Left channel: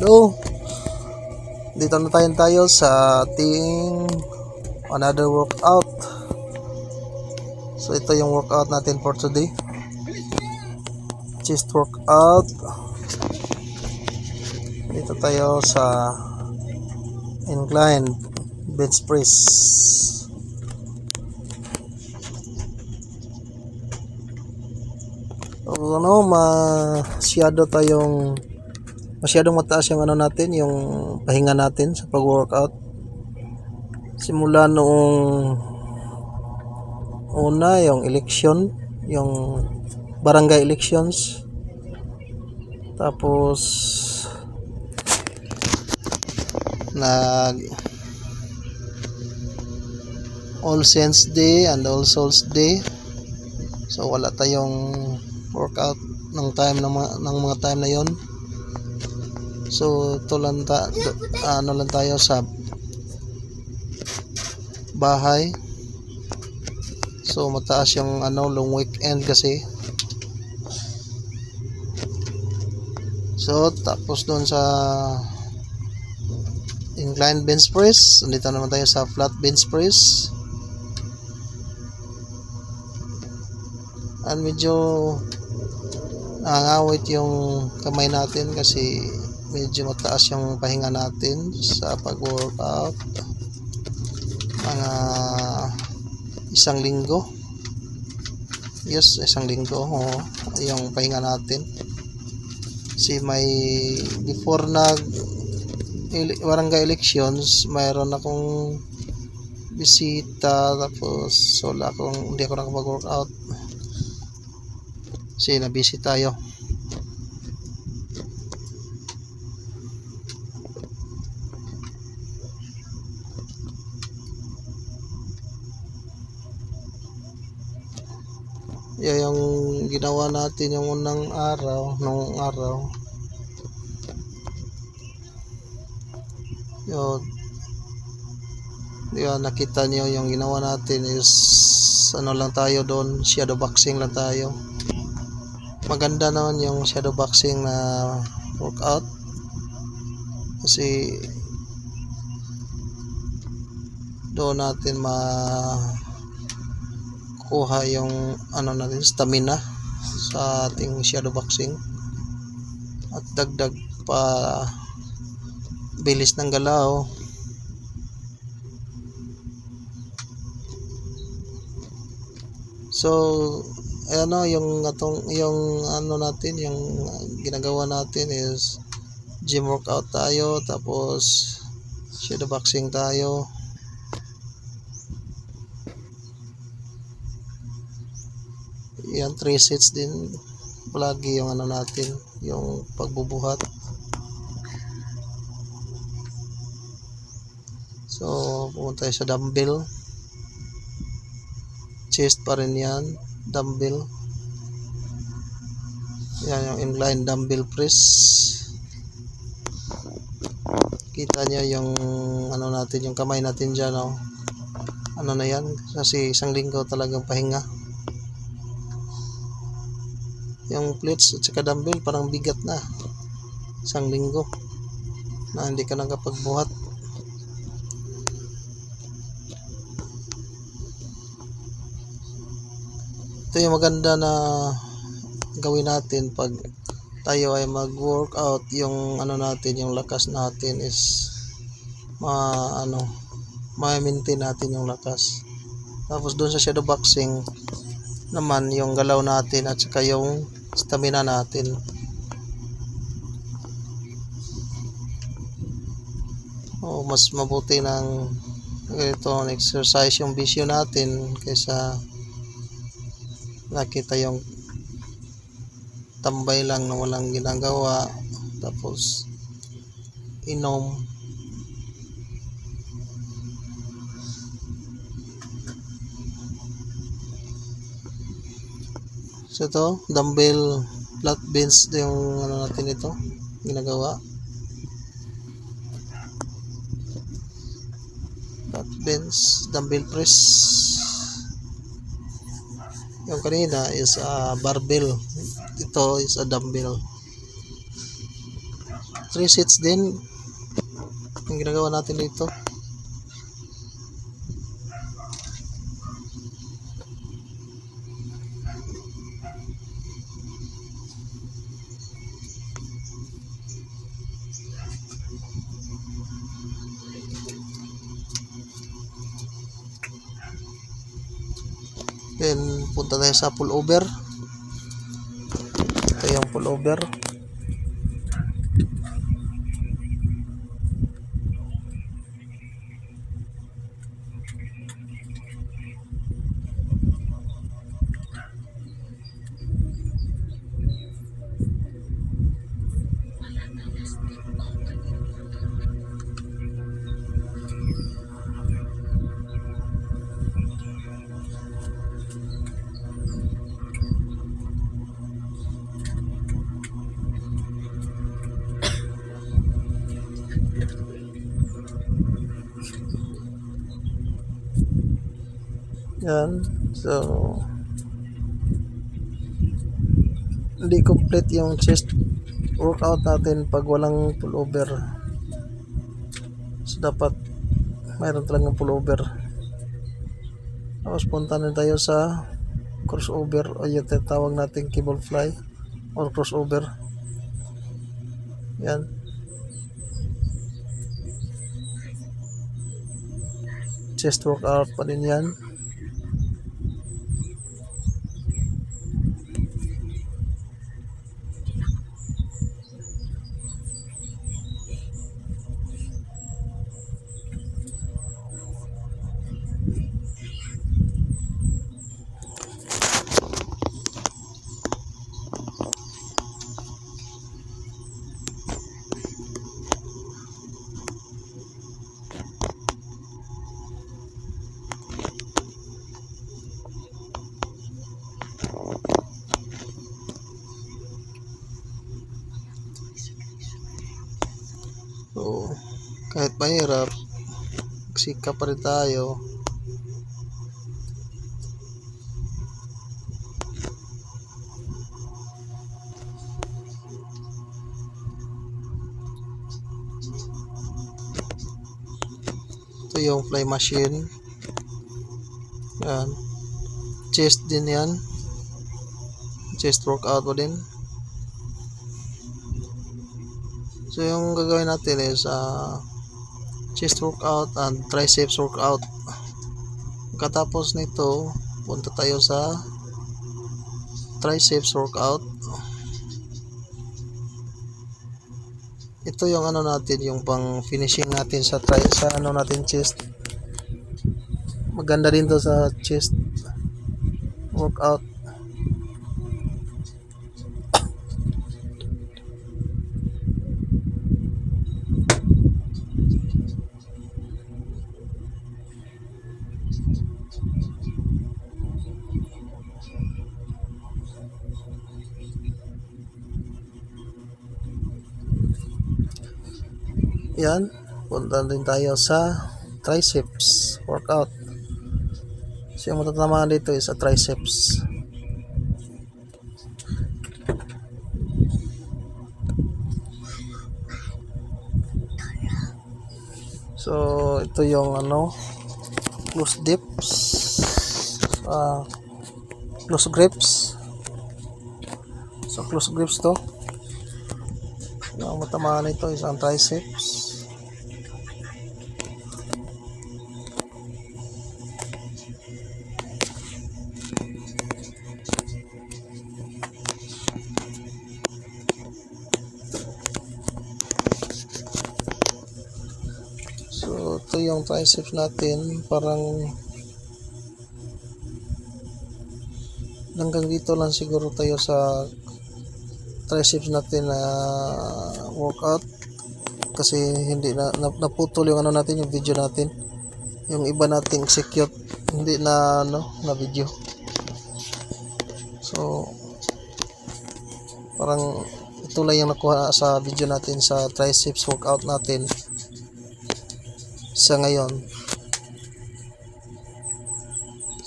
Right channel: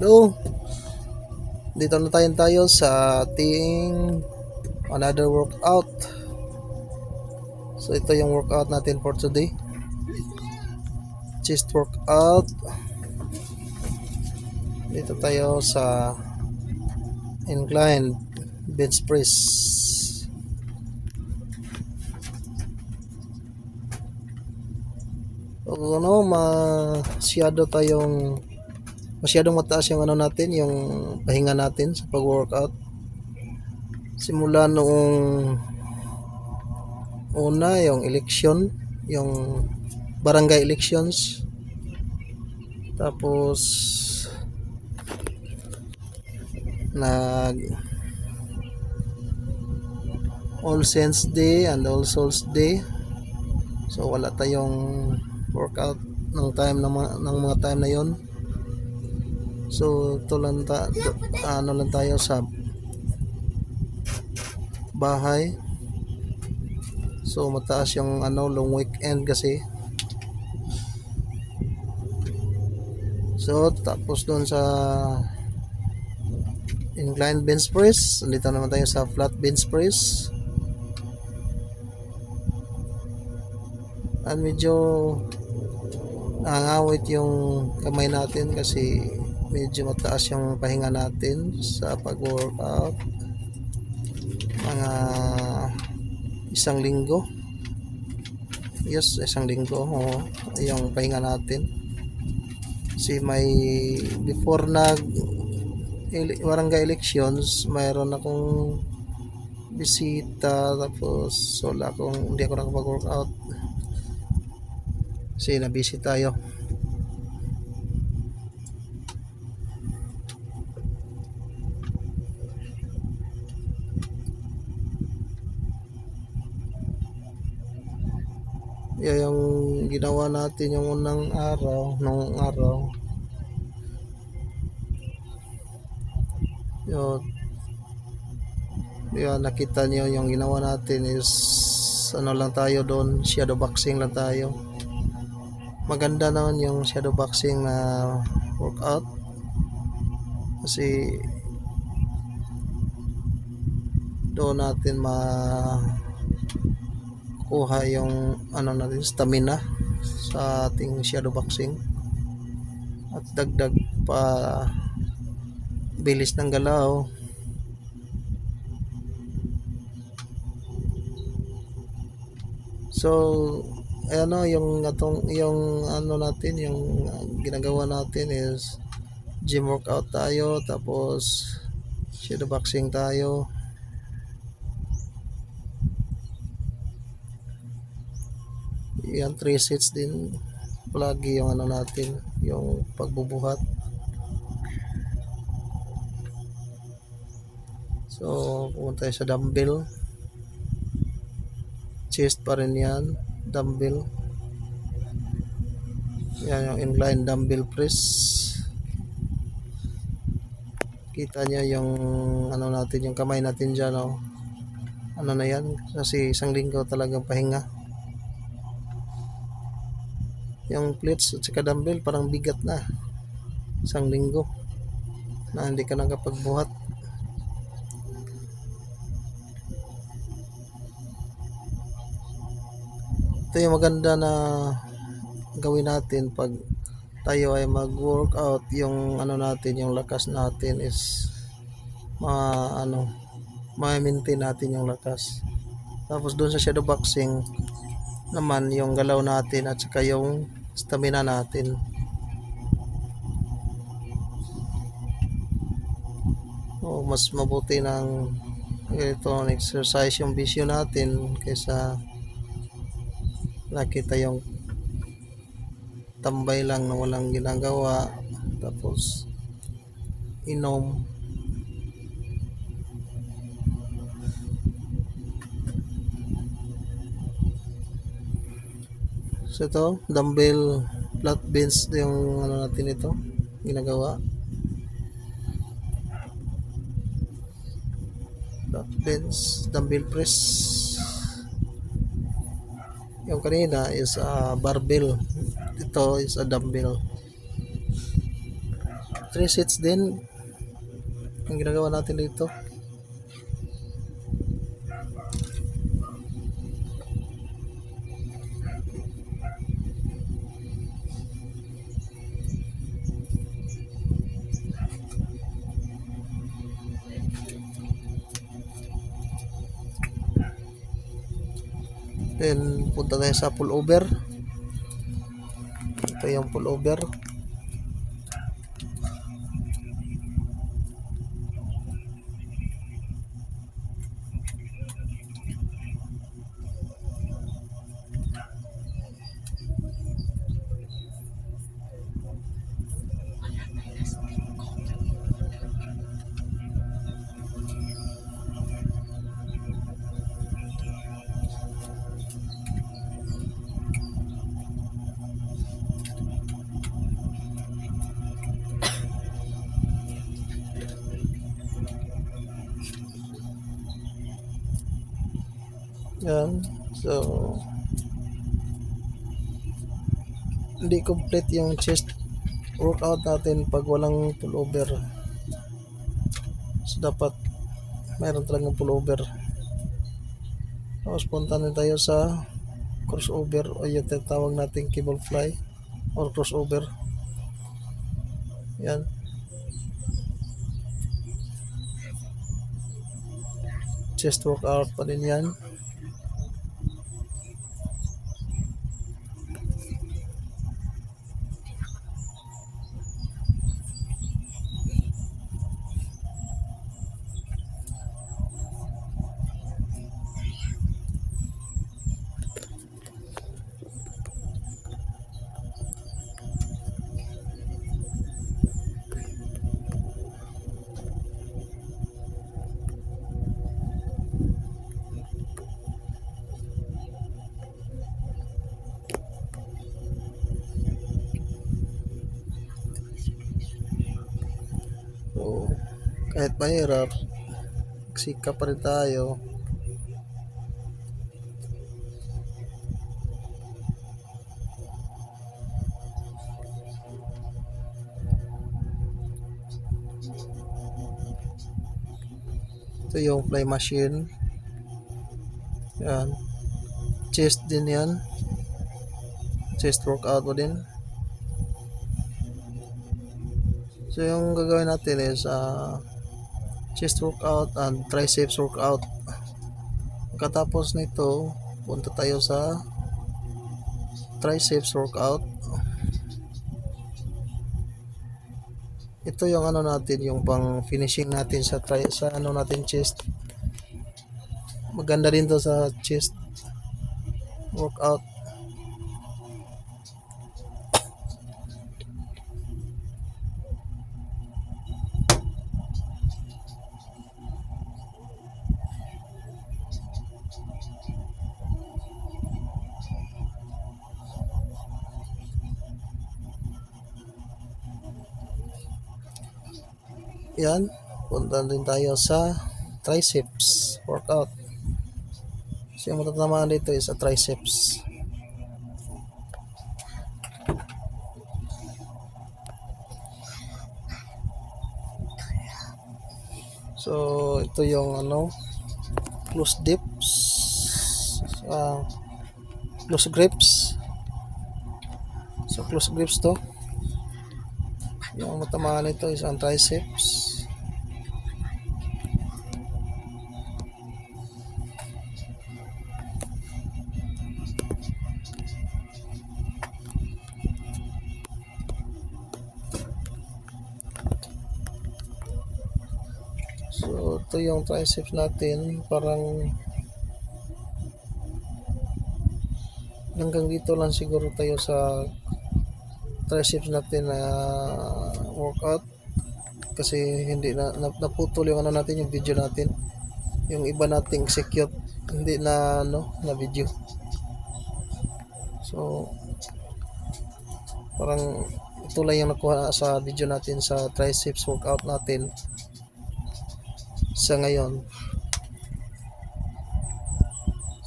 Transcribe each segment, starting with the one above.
Hello, dito na tayo sa ating another workout. So ito yung workout natin for today. Chest workout. Dito tayo sa incline bench press. Masyadong mataas yung natin, yung pahinga natin sa pag-workout. Simula noong una, yung election, yung barangay elections. Tapos nag All Saints Day and All Souls Day. So wala tayong workout ng mga time na yon. So ito lang lang tayo sa bahay. So mataas yung long weekend kasi. So tapos doon sa incline bench press, dito naman tayo sa flat bench press. And medyo nangangawit yung kamay natin kasi medyo mataas yung pahinga natin sa pag-workout. Mga isang linggo. Yes, isang linggo yung pahinga natin. Kasi may before barangay elections, mayroon akong bisita, tapos hindi ako nakapag-workout kasi na-busy tayo. Yung ginawa natin yung nung araw yun, nakita niyo yung ginawa natin is lang tayo doon, shadow boxing lang tayo. Maganda naman yung shadow boxing na workout kasi doon natin makuha yung natin, stamina sa ating shadow boxing at dagdag pa bilis ng galaw. So yung natin, yung ginagawa natin is gym workout tayo, tapos shadow boxing tayo. Yan, 3 sets din palagi yung natin, yung pagbubuhat. So pumunta tayo sa dumbbell, chest pa rin yan, dumbbell. Yan yung incline dumbbell press. Kita niya yung natin, yung kamay natin dyan, na yan, kasi isang linggo talagang pahinga. Yung plates at saka dumbbell parang bigat na, isang linggo na hindi ka nakapagbuhat. Ito yung maganda na gawin natin pag tayo ay mag-workout. Yung natin, yung lakas natin is ma-maintain natin yung lakas. Tapos dun sa shadow boxing naman, yung galaw natin at saka yung stamina natin. Mas mabuti ng itong exercise yung bisyo natin kaysa nakita yung tambay lang na walang ginagawa tapos inom. So ito, dumbbell flat bench yung natin, ito ginagawa, flat bench dumbbell press. Yung kanina is barbell, ito is a dumbbell. 3 sets din ang ginagawa natin dito. Then punta tayo sa pullover. Ito yung pullover. Yan. So hindi complete yung chest workout natin pag walang pullover. So dapat mayroon talagang pullover. Tapos punta na tayo sa crossover o yung tinatawag natin cable fly or crossover. Yan. Chest workout pa din yan. So, kahit mahirap, sikap pa rin tayo. Ito yung fly machine. Yan. Chest din yan. Chest workout mo din. So yung gagawin natin is chest workout and triceps workout. Katapos nito, punta tayo sa triceps workout. Ito yung ano natin, yung pang finishing natin sa ano natin chest. Maganda din to sa chest workout. Yan, punta din tayo sa triceps workout. So yung matatamaan dito is sa triceps. So ito yung ano, close dips, close grips. So close grips to. Yung matamaan nito is ang triceps. So ito yung triceps natin, parang hanggang dito lang siguro tayo sa triceps natin na workout, kasi hindi naputol yung ano natin, yung video natin, yung iba nating execute hindi na na video. So parang ito lang yung nakuha sa video natin sa triceps workout natin sa ngayon.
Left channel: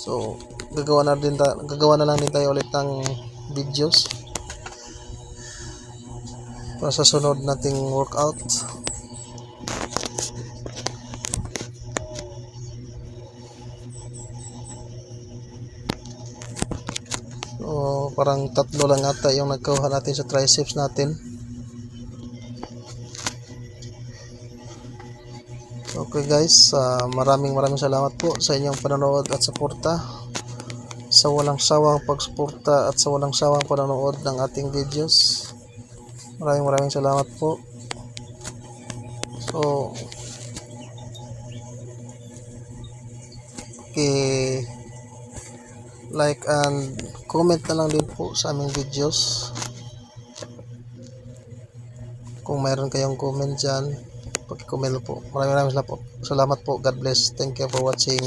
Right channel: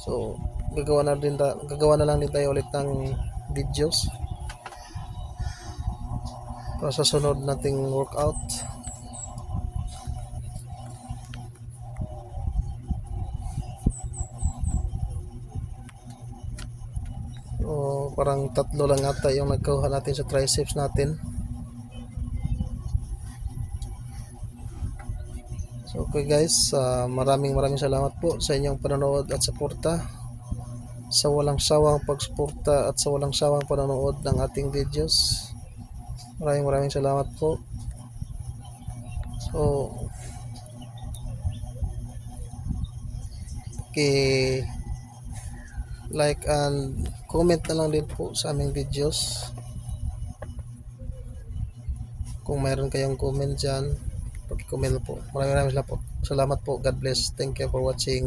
So gagawa na lang din tayo ulit ng videos para sa sunod nating workout. So, parang 3 lang ata yung nagkuha natin sa triceps natin. Okay guys, maraming salamat po sa inyong panonood at suporta, sa walang sawang pagsuporta at sa walang sawang panonood ng ating videos. Maraming salamat po. So, like and comment na lang din po sa aming videos. Kung mayroon kayong comment dyan, pag-comment po. Maraming salamat po. God bless. Thank you for watching.